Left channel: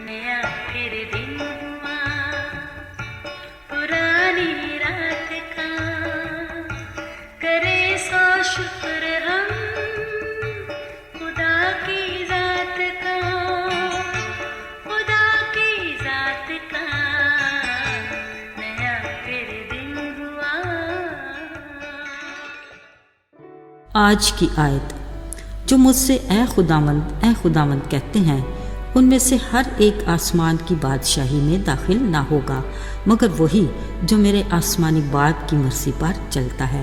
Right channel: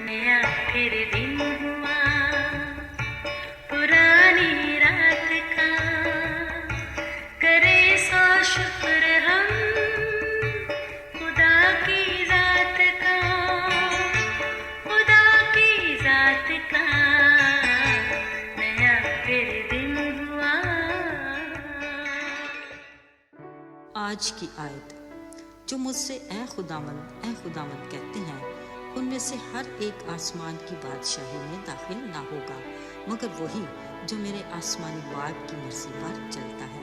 नया फिर दिन हुआ पुरानी रात का, करे सौ शुक्र हम खुदा की जात का, खुदा की जात का, नया फिर दिन हुआ। आज की आयत, जो मुझसे ए खुदावंद कहते हैं, उनमें से हर एक आसमान की बादशाही में दाखिल ना होगा, मगर वही जो मेरे आसमानी बाप की मर्जी पर चलता है।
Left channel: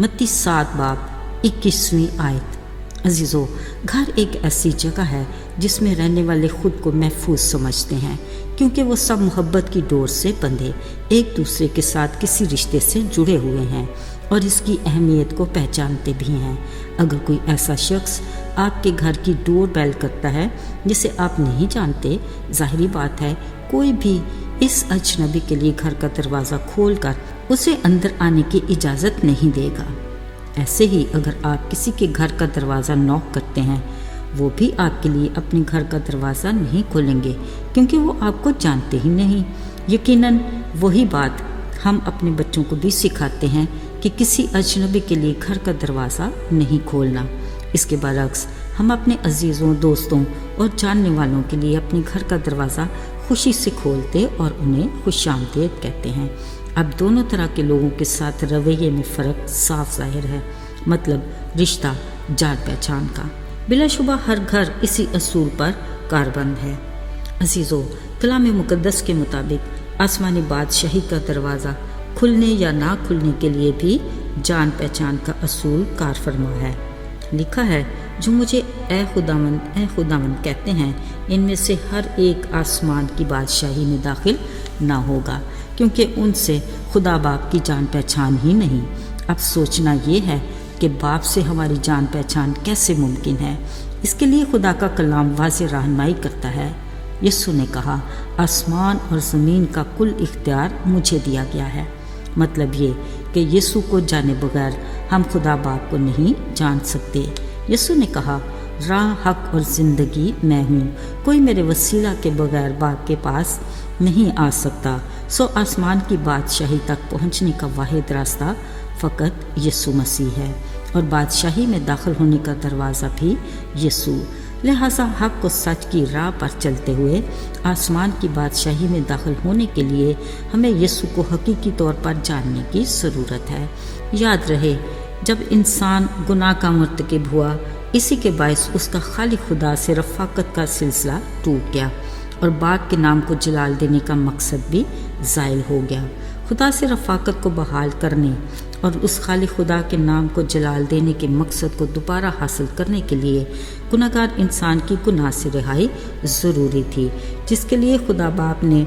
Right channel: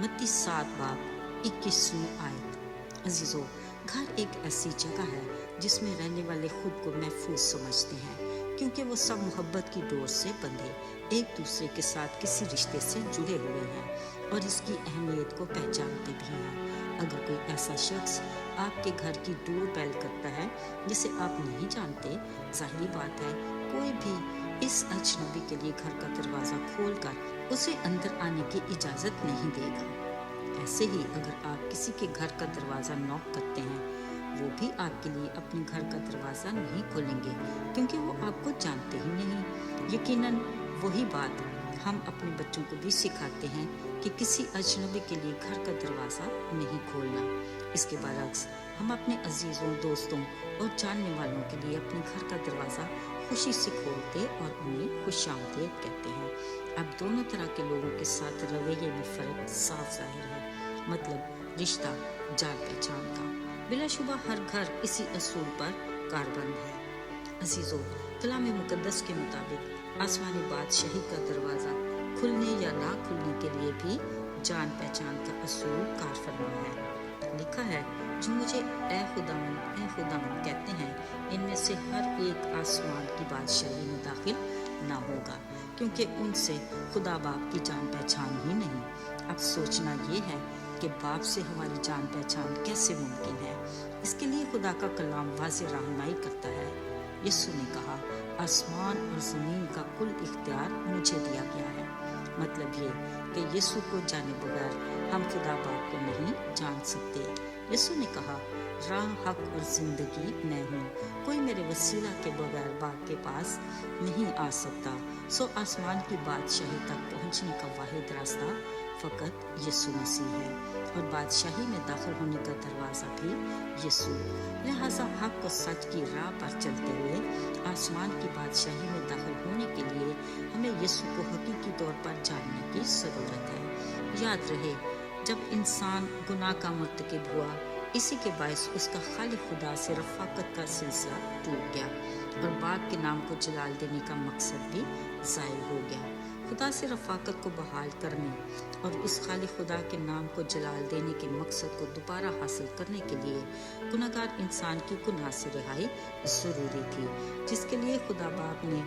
मत्ती 7 बाब 21वीं आयत। अजीज़ों, घर एक ऐसी जगह है जिसमें रहने वाले खुद को महफूज समझते हैं, क्योंकि वो सब मोहब्बत की डोर से बंधे एक दूसरे के साथ किसी रिश्ते से जुड़े हुए हैं और इसकी अहमियत को पहचानते भी हैं। अगर कोई ऐसा शख्स आपके घर की डोर बेल करता है जिसे आप नहीं जानते, ज़ाहिरी बात है कोई भी इस अजनबी के लिए घर का दरवाज़ा खोलकर उसे अंदर आने की इजाज़त नहीं देगा। ऐसे ही अगर आप किसी के घर का दरवाज़ा नॉक करते हैं, वो भी आपके लिए अपने घर का दरवाज़ा नहीं खोलेंगे, क्योंकि वो आपको जानते ही नहीं। यकीनन वही बात हम अपने बच्चों को भी सिखाते हैं कि किसी अजनबी के लिए घर का दरवाज़ा नहीं खोलना। इसके बरक्स हम अपने अजीज़ों, दोस्तों और जानने वालों के लिए अपने घर का दरवाज़ा खुशी से खोलते और उन्हें खुशामदीद कहते हैं। अब दोनों तरह के लोगों के साथ रवैये में फ़र्क साफ ज़ाहिर है, मतलब रिश्ता जान पहचान का। बिलाशुबा हर घर इसी असूल पर कारबंद है। अजीज़ों, कलाम मुक़द्दस के मुताबिक आसमानी बादशाही का दरवाज़ा खुलने या ना खुलने के लिए भी जान पहचान का असूल कार फरमा है। लिखा है, जो मुझे ए खुदावंद कहते हैं, इनमें से हर एक आसमान की बादशाही में दाखिल ना होगा, क्योंकि उनसे खुदा बाप की जान पहचान ही नहीं। अब सोचना ये है कि बाप से हमारी जान पहचान कैसे मुमकिन है। इसके लिए खुदा का कलाम वाज़ेह रहनुमाई करता है। यीशु ने कहा, आसमान और ज़मीन का कुल इख्तियार मुझे दिया गया है। मतलब ये कि यीशु को जाने बगैर हम खुदा बाप को नहीं जान सकते। यीशु ने कहा, राह, हक और ज़िंदगी मैं हूँ, कोई मेरे वसीला के बगैर बाप के पास नहीं आ सकता। सो आसमान की बादशाही तक पहुँचने का वाहिद रास्ता फ़कत यीशु मसीह है, और बादशाही में दाखिल होने का दरवाज़ा भी यीशु। लिहाजा हक को सच की राह पर चलते हुए आसमान की बादशाही में दाखिल होने के लिए हमें यीशु को हकीकी तौर पर जानने की ज़रूरत है। याद रहे, जब इंसान गुनाह का मर्तकब हुआ, इसी के बायस उसका खालिक खुदा से रफ़ाकत का सिलसिला टूट गया और बाप के नाम को जलाल देने का मकसद भी ज़ाइल हो गया। खुदा से रफ़ाकत को बहाल करने और उस खालिक खुदा के नाम को जलाल देने के मकसद को दोबारा हासिल करने के लिए गुनाहगार इंसान की गुनाह से रिहाई ज़रूरी थी, जिसके लिए खुदा बाप ने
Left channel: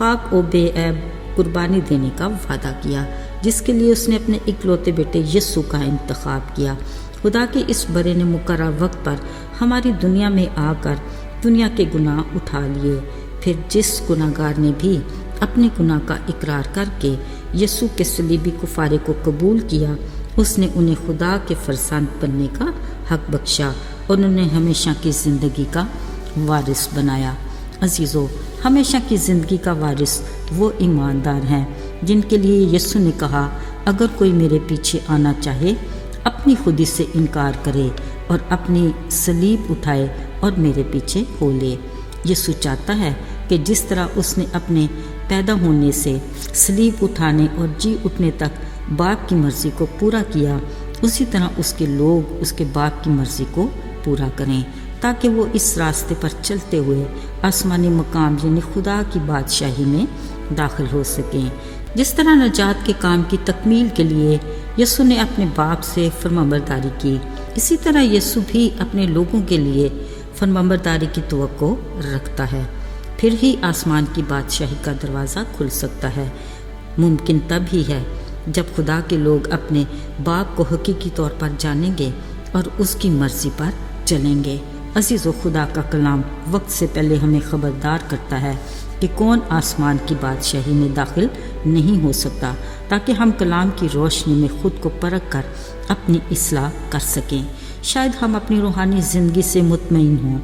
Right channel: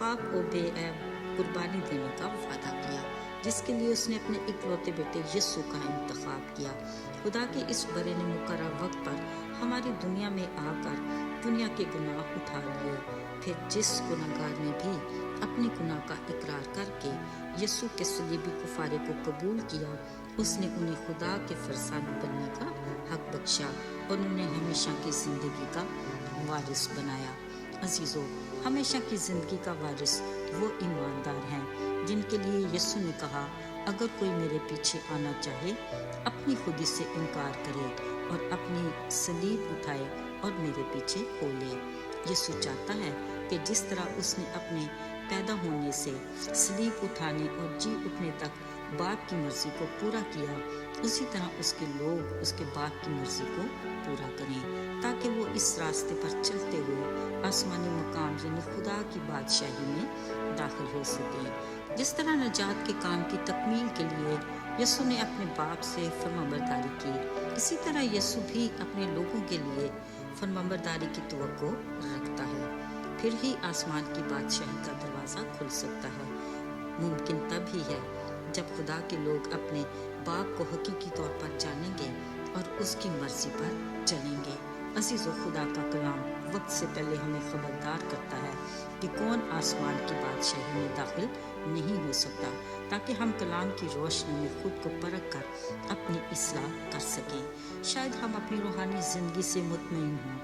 पाक और बेऐब कुर्बानी देने का वादा किया, जिसके लिए उसने अपने इकलौते बेटे यीशु का इंतखाब किया। खुदा के इस बड़े ने मुकर्रर वक्त पर हमारी दुनिया में आकर दुनिया के गुनाह उठा लिए। फिर जिस गुनाहगार ने भी अपने गुनाह का इकरार करके यीशु के सलीबी कुफारे को कबूल किया, उसने उन्हें खुदा के फरजंद बनने का हक बख्शा और उन्हें हमेशा की ज़िंदगी का वारिस बनाया। अजीज़ों, हमेशा की ज़िंदगी का वारिस वो ईमानदार हैं जिनके लिए यीशु ने कहा, अगर कोई मेरे पीछे आना चाहे, अपनी खुदी से इनकार करे और अपनी सलीब उठाए और मेरे पीछे हो ले। यीशु चाहता है कि जिस तरह उसने अपने पैदा होने से सलीब उठाने और जी उठने तक बाप की मर्ज़ी को पूरा किया, उसी तरह उसके लोग उसके बाप की मर्ज़ी को पूरा करें, ताकि वो इस रास्ते पर चलते हुए आसमानी मकाम यानी खुदा की बादशाही में दाखिल हो सकें। जिस तरह नजात के काम की तकमील के लिए यीशु ने अपने बाप से फरमाबरदारी की, इसी तरह यीशु भी अपने लोगों के लिए फरमाबरदारी की तवक्को रखता है। फिर ही आसमान की बादशाही का दरवाज़ा खुल सकता है। मुमकिन तब ही है जब खुदा के लोग अपने बाप को हकीकी तौर पर जानेंगे और उसकी मर्ज़ी पर चलेंगे। अज़ीज़ो, खुदा का कलाम वक्त से पहले हमें ख़बरदार करता है कि कौन आसमान की बादशाही में दाखिल नहीं हो सकता, ताकि हम कलाम की रोशनी में ख़ुद को परख कर अपनी इस्लाह कर सकें। शायद हम अपनी रूहानी ज़िंदगी से मुतमईन हों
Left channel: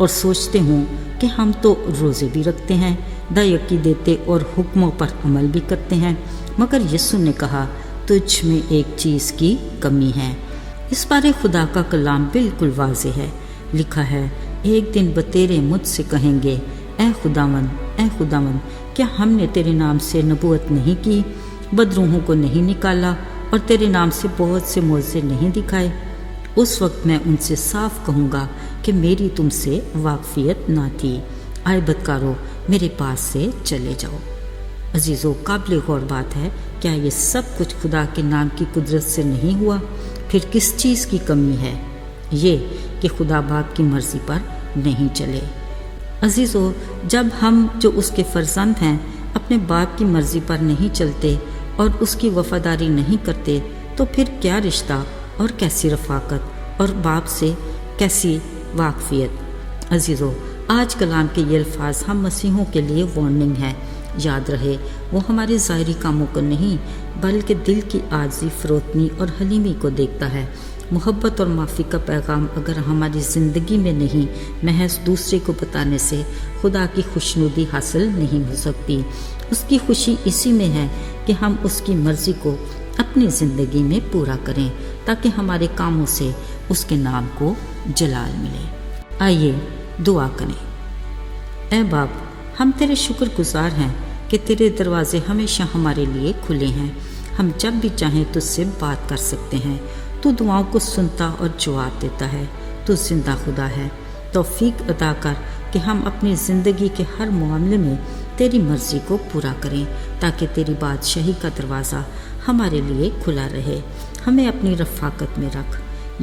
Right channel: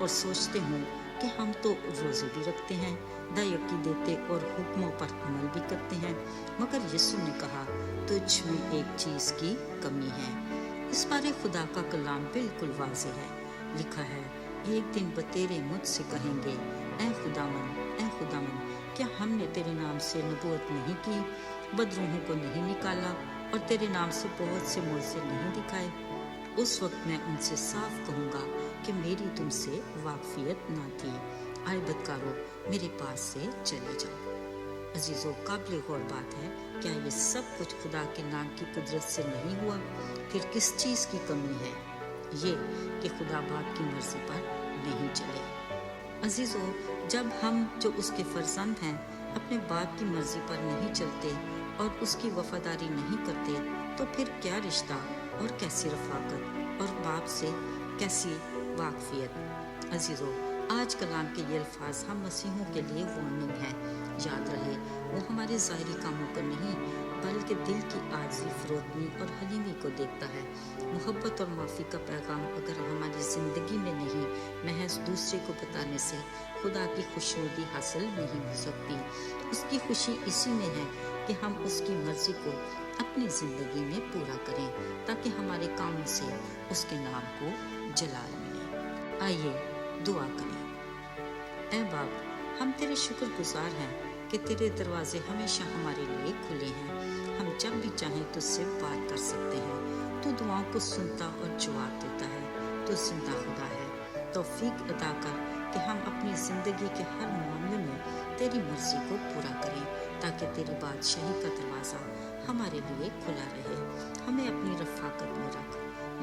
اور سوچتے ہوں کہ ہم تو روزے بھی رکھتے ہیں، دایقی دیتے اور حکموں پر عمل بھی کرتے ہیں، مگر یسوع نے کہا تجھ میں ایک چیز کی کمی ہے۔ اس بارے خدا کا کلام بالکل واضح ہے، لکھا ہے ایک دن بتیرے مجھ سے کہیں گے اے خداوند کیا ہم نے تیرے نام سے نبوت نہیں کی، بدروحوں کو نہیں نکالا اور تیرے نام سے بہت سے معجزے نہیں دکھائے؟ اس وقت میں ان سے صاف کہوں گا کہ میری تم سے واقفیت نہ تھی، آئے بدکارو میرے پاس سے چلے جاؤ۔ عزیزو، قابل غور بات ہے، کیا یہ سب کچھ خدا کے نام کی قدرت سے نہیں ہوا؟ پھر کس چیز کی کمی ہے؟ یہ کہ خدا باپ کی مرضی پر نہیں چلے۔ عزیزو، جب ہم جو اس کے فرزند ہیں اپنے باپ کی مرضی پر نہیں چلتے اور اس کی وفاداری نہیں کرتے تو پھر کیا رشتہ اور کیسی رفاقت اور باپ سے کیسی واقفیت؟ عزیزو، آج کلام کے یہ الفاظ ہم مسیحوں کے لیے وارننگ ہیں۔ یاد رہے وہ ہمارے ظاہری کاموں کو نہیں بلکہ دل کی عاجزی، فروتنی اور حلیمی کو دیکھتا ہے۔ محبت اور معافی کا پیغام اگر ہماری زندگی میں نہیں، محض دوسرے کو بتانے سے خدا کی خوشنودی حاصل نہیں ہو سکتی۔ اس کی خوشی اسی میں ہے کہ ہم اس کی مرضی کو اپنی زندگی میں پورا کریں تاکہ ہمارے کاموں سے اس کے نام کو جلال ملے۔ آئیے دعا کریں۔ اے باپ، ہم تیرے شکر گزار ہیں کہ تیرے دروازے ہمیشہ ہمارے لیے کھلے ہیں۔ ہم جب بھی چاہیں تجھ سے بات کر سکتے ہیں۔ تو دعاؤں کو سنتا اور جواب دیتا ہے۔ تو زندہ خدا ہے۔ توفیق عطا کر کہ ہم اپنی زندگی کے ہر معاملے میں تیری مرضی کو پورا کریں تاکہ تیری بادشاہی کا دروازہ ہمارے لیے کھلا رہے۔ ہمیں اپنی رفاقت میں رکھ،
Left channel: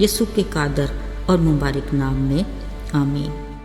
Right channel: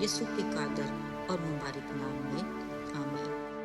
یسوع کے قادر اور مبارک نام میں، آمین۔